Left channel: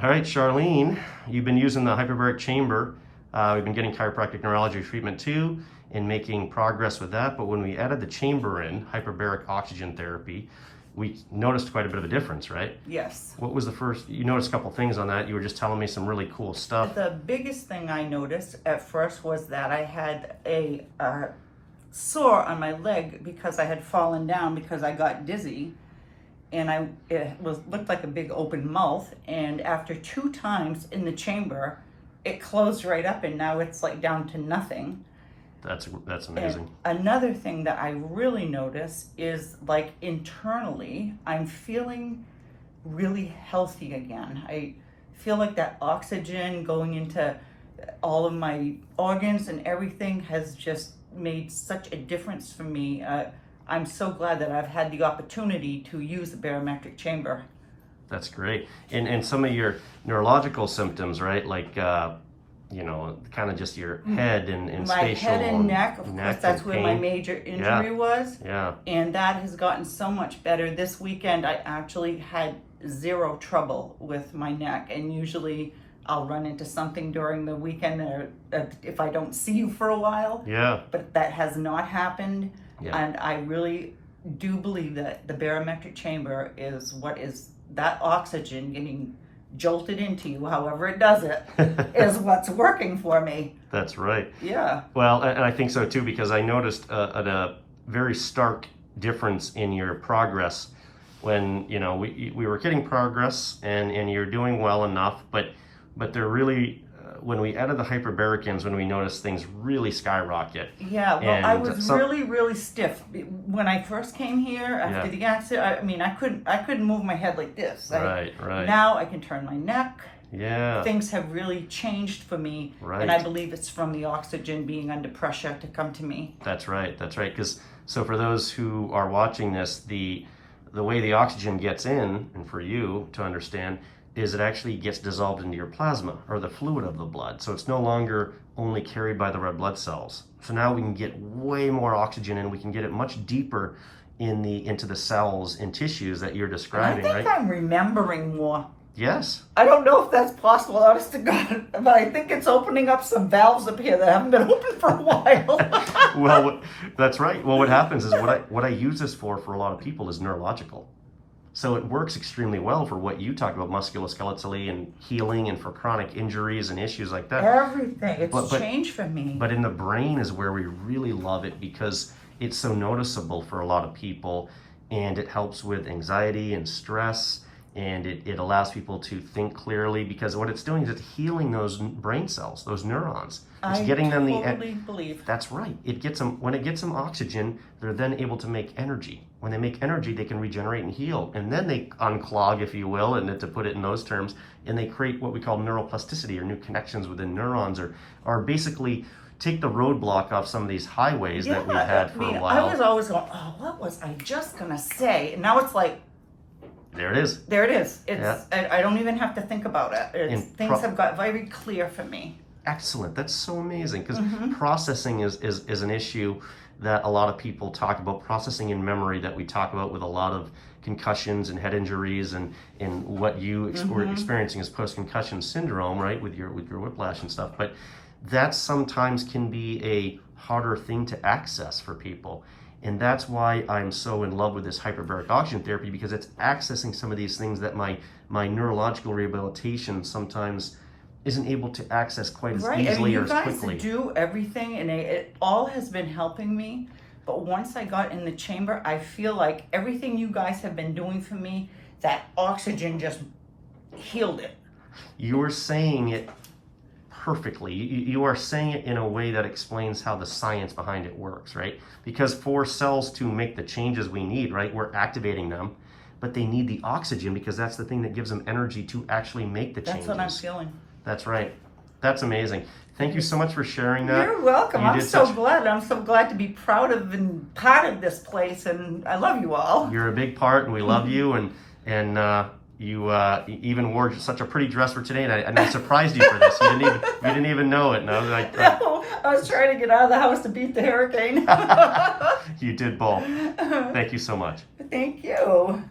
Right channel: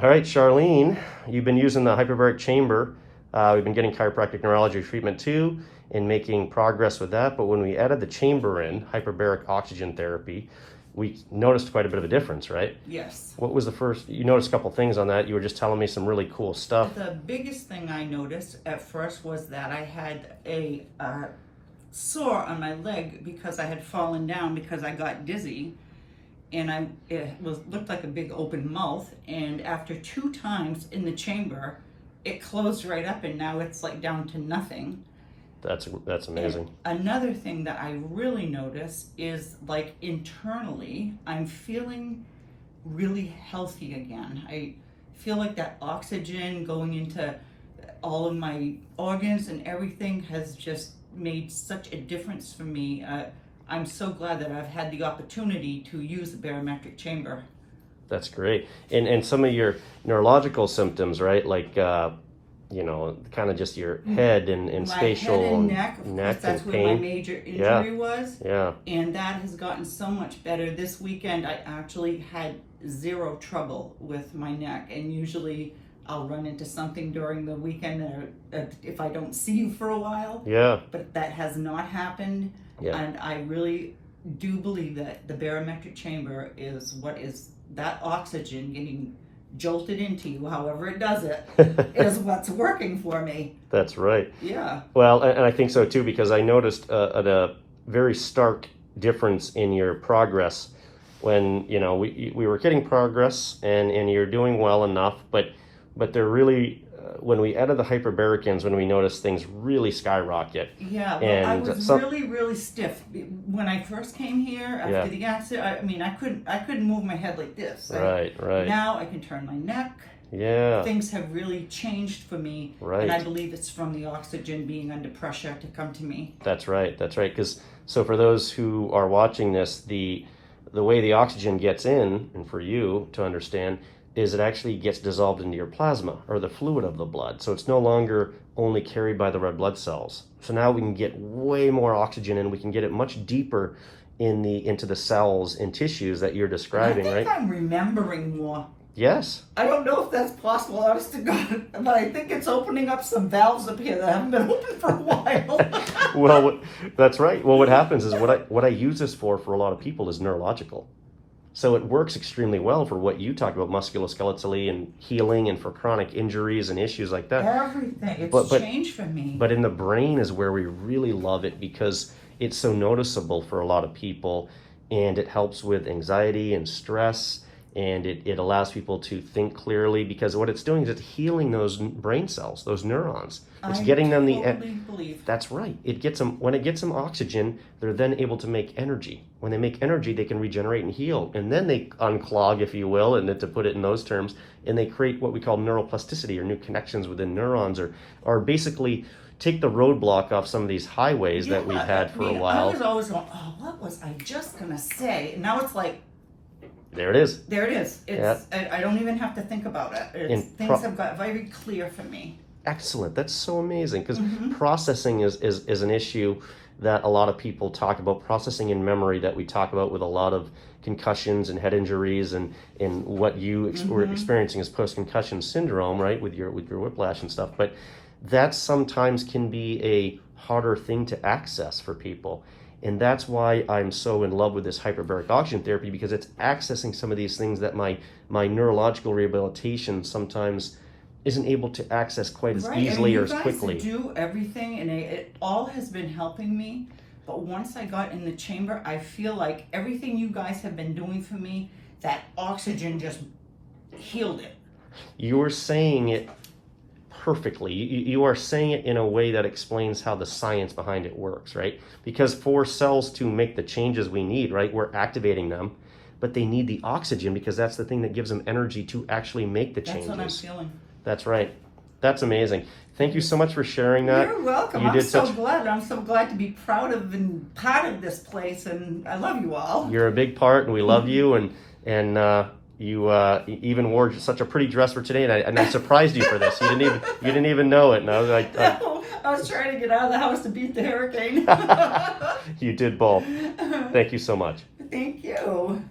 All right, Charlene, you've been using the hyperbaric chamber. We've been getting chiropractic neurology treatment too and making progress with that. But when we added the chamber in, hyperbaric oxygen therapy, we noticed quite a bit of a difference, right? Yes. What was the first, you noticed a couple things on that. You were just telling me some really cool stuff. The biggest thing I noticed at first was that I had a sore on my leg because I had fallen down because I got dizzy, and looked like a big open mouth. And after 2 times in the chamber, it closed right up, and now it's like down to nothing. That's amazing. And another thing that I really notice is, like, internally, I'm feeling really healthy again. I feel like that oxygen going into all of my organs and everything has just made such a difference for me. I'm so glad that I've had the opportunity to use the barometric chamber. That's great. And some of your neurological symptoms, right? Like, kind of just your head and my spatial. My head and neck, of course, that's where my major injury was. Yeah. And that has gotten so much better. This weekend, I actually had 0 trouble with my neck. And usually I'll run into something during the weekend if I don't see you for a while. Yeah. But that has not happened. Yeah. And I really do believe that the barometric chamber is that oxygen getting jolted into you, however it does it, is what's working for me. That's right. Yeah. Well, and I think so too, because I noticed a very stark difference in your progress when, we were getting progress and you're doing well enough, but they're really, when we added the hyperbaricans, when we noticed things really skyrocket. Yeah, well, I was really, really stiff when I first came here after the accident. I couldn't move my head like this. Right. Now I can turn my neck. Yeah. Things have really changed for me, and I believe it's from the oxygen being under pressure to come to me. That's right. Because so for those who are watching this, the way the oxygen gets in, and for you to understand, is it actually gets dissolved into your plasma or the fluid of the blood. So it's no longer only carried by the red blood cells. So now we can get way more oxygen and we can get it much deeper into the cells and tissues that you're describing, I think I'm remembering more. Yes. I don't know if that's possible, honest to God, but I think it's opening up some valves up here that haven't been open for a while. Well, that's right. Well, what happens is what I use this for a lot of people is neurological. So it works extremely well for what you talk about, musculoskeletally and healing, and for chronic injuries and issues like that. Everything. It's changed for me. But in the brain is where we really love it, because it's so noticeable for a lot of people, and it helps with anxiety and stress, and it allows people to think clearly, because what it's doing is it's healing those brain cells, those neurons. It's getting them totally believe. That's right. When it gets them oxygen, they're then able to make energy. When they make energy, they can regenerate and heal. And then they unclog, if you will, and to put it in those terms, and they create what we call neuroplasticity, or new connections within neurons, or basically take the roadblock off some of these highways that we've had for a while. I was always going, what was I just going to say? And now it's like, there it is. There it is. I don't even have to think about it. Things have got very clear for me. Excellent. That's so amazing, because processing is an issue that a lot of people talk about, processing in memory that we talk about with a lot of concussions and head injuries, and what you were experiencing as post-concussion syndrome, right, with your whiplash and stuff. But that sometimes can be a harder thing to access for people. And that's why I'm so in love with this hyperbaric oxygen therapy, because it's accessing some of these things that my neurological rehabilitation sometimes isn't able to access quite as easily or as quickly. You guys do everything, and it all has been helping me. But once I got in the chamber, I feel like everything you guys have been doing for me, that oxygen just healed it. You're saying it perfectly. You are saying it in a way that explains how the science behind it works, right? Because for cells to make the changes we need, right, we're activating them, but they need the oxygen, because that's the thing that gives them energy to actually make the changes. That's what I'm feeling. That's right. That's amazing. Thank you so much for sharing that. You're welcome. I'm so glad. I'm so glad to be proud of and part of this place, and I love you all. You're a big part, and we love you, and you even wore such a pretty dress for today, and I surprised you for this. You didn't even know it. No, no, I was trying to get out of the house to beat the hurricane. You did both. Thank you so much. Thank you.